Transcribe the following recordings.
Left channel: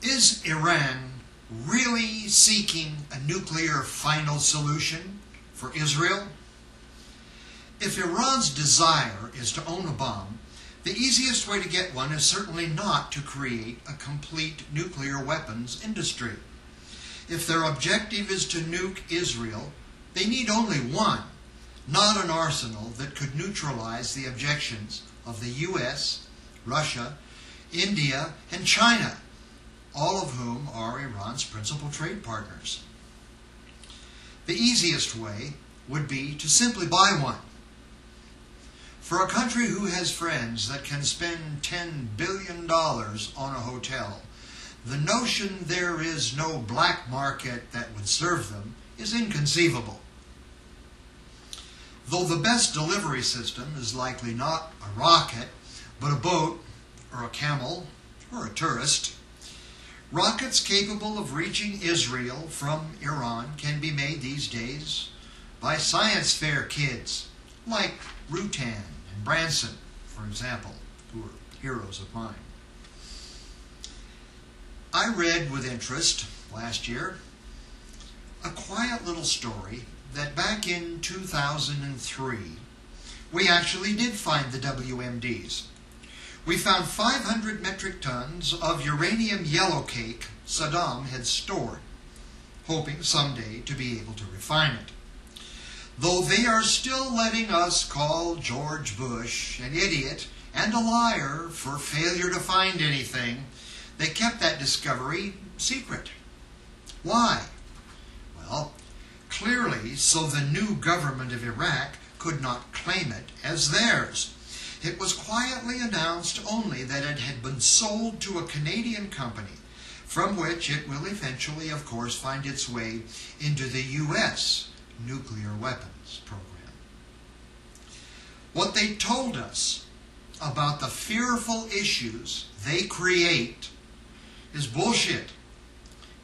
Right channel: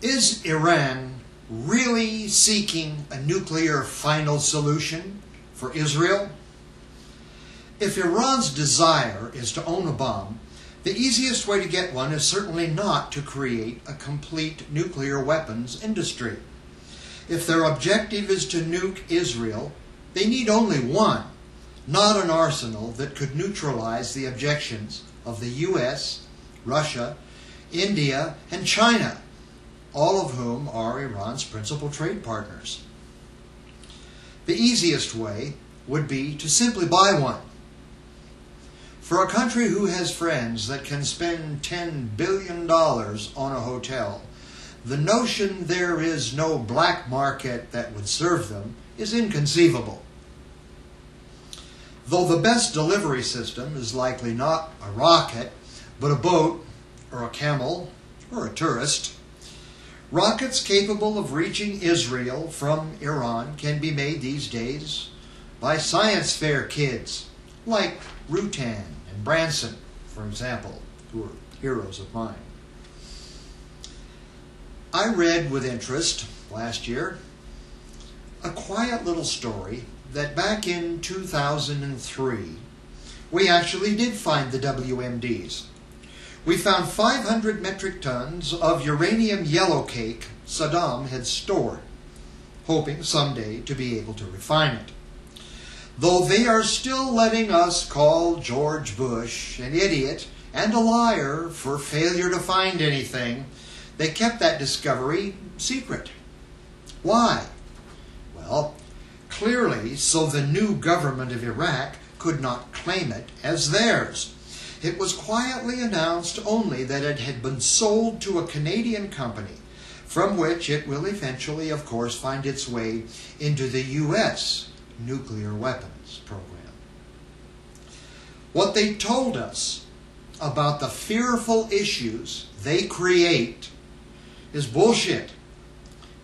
Is Iran really seeking a nuclear final solution for Israel? If Iran's desire is to own a bomb, the easiest way to get one is certainly not to create a complete nuclear weapons industry. If their objective is to nuke Israel, they need only one, not an arsenal that could neutralize the objections of the US, Russia, India, and China, all of whom are Iran's principal trade partners. The easiest way would be to simply buy one. For a country who has friends that can spend $10 billion on a hotel, the notion there is no black market that would serve them is inconceivable. Though the best delivery system is likely not a rocket, but a boat, or a camel, or a tourist, rockets capable of reaching Israel from Iran can be made these days by science fair kids like Rutan and Branson, for example, who are heroes of mine. I read with interest last year a quiet little story that back in 2003 we actually did find the WMDs. We found 500 metric tons of uranium yellowcake Saddam had stored, hoping someday to be able to refine it. Though they are still letting us call George Bush an idiot and a liar for failure to find anything, they kept that discovery secret. Why? Well, clearly so the new government of Iraq could not claim it as theirs. It was quietly announced only that it had been sold to a Canadian company, from which it will eventually, of course, find its way into the U.S. nuclear weapons program. What they told us about the fearful issues they create is bullshit,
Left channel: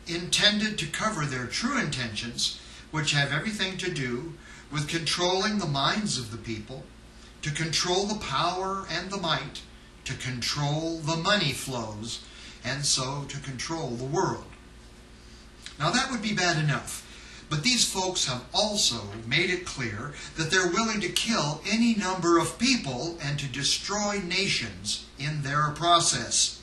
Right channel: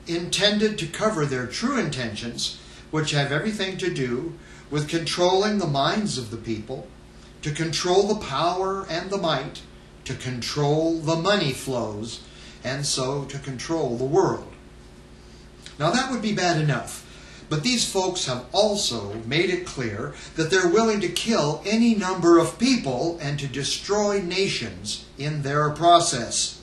intended to cover their true intentions, which have everything to do with controlling the minds of the people, to control the power and the might, to control the money flows, and so to control the world. Now that would be bad enough, but these folks have also made it clear that they're willing to kill any number of people and to destroy nations in their process.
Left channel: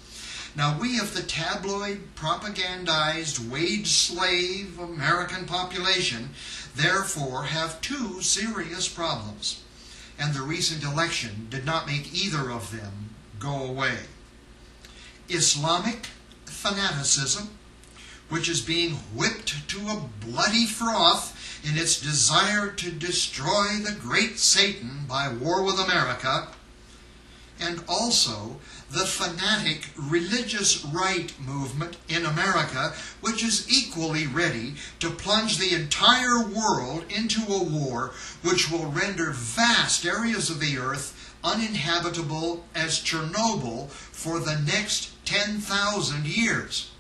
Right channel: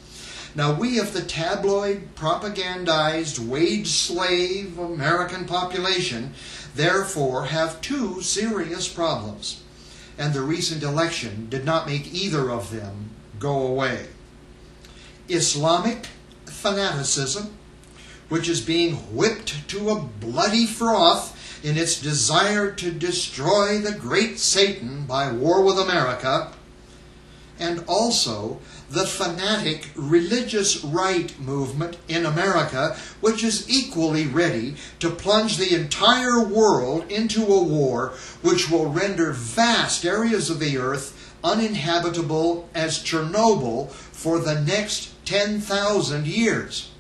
Now we of the tabloid, propagandized, wage slave American population therefore have two serious problems, and the recent election did not make either of them go away. Islamic fanaticism, which is being whipped to a bloody froth in its desire to destroy the great Satan by war with America, and also the fanatic religious right movement in America, which is equally ready to plunge the entire world into a war which will render vast areas of the earth uninhabitable as Chernobyl for the next 10,000 years.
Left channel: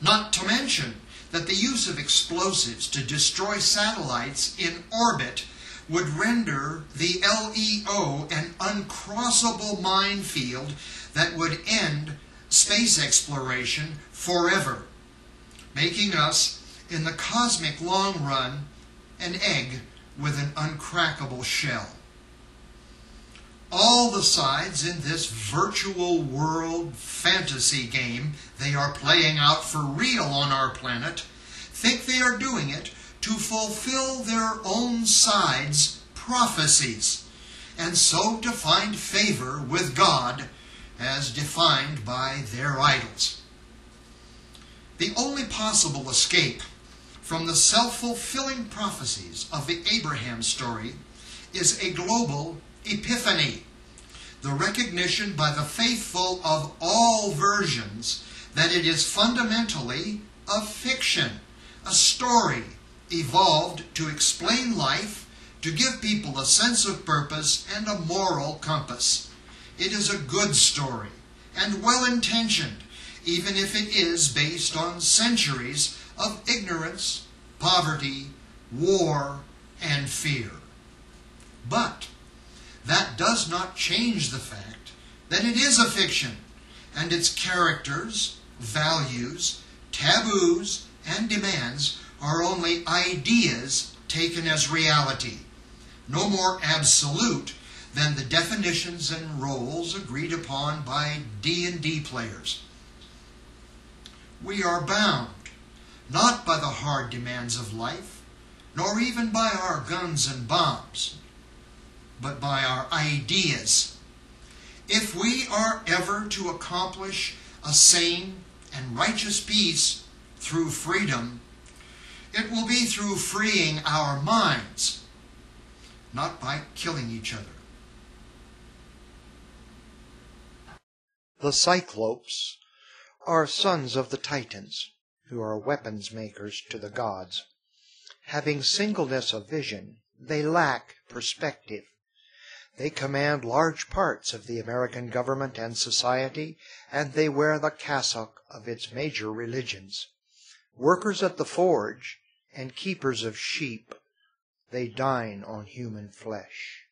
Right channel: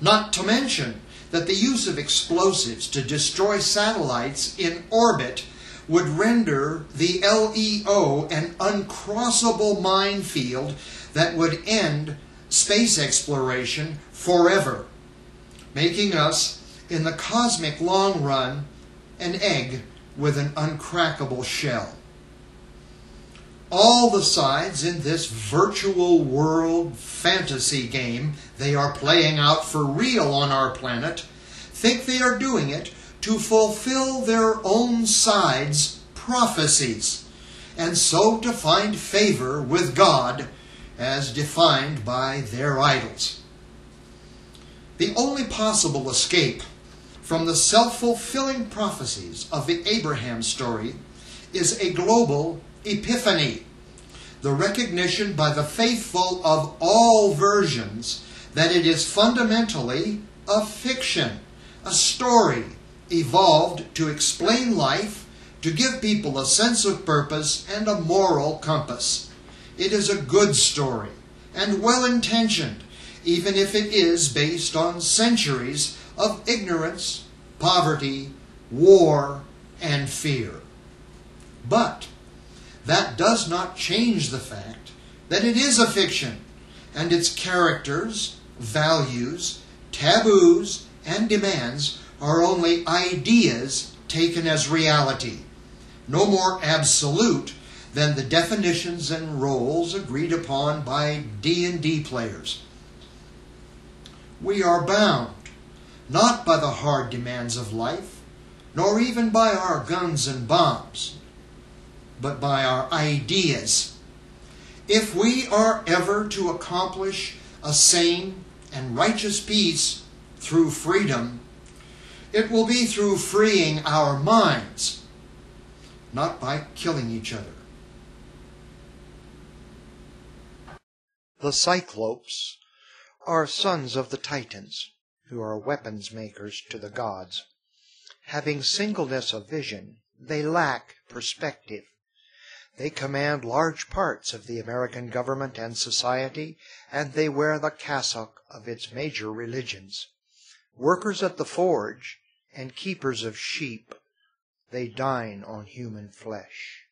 Not to mention that the use of explosives to destroy satellites in orbit would render the LEO an uncrossable minefield that would end space exploration forever, making us, in the cosmic long run, an egg with an uncrackable shell. All the sides in this virtual world fantasy game they are playing out for real on our planet think they are doing it to fulfill their own side's prophecies, and so to find favor with God as defined by their idols. The only possible escape from the self-fulfilling prophecies of the Abraham story is a global epiphany, the recognition by the faithful of all versions that it is fundamentally a fiction, a story evolved to explain life, to give people a sense of purpose and a moral compass. It is a good story and well-intentioned, even if it is based on centuries of ignorance, poverty, war, and fear. But that does not change the fact that it is a fiction, and its characters values, taboos, and demands are only ideas taken as reality, no more absolute than the definitions and roles agreed upon by D&D players. We are bound, not by the hard demands of life, nor even by our guns and bombs, but by our ideas. If we are ever to accomplish a sane and righteous peace through freedom, it will be through freeing our minds, not by killing each other. The Cyclopes are sons of the Titans, who are weapons makers to the gods. Having singleness of vision, they lack perspective. They command large parts of the American government and society, and they wear the cassock of its major religions. Workers at the forge and keepers of sheep, they dine on human flesh.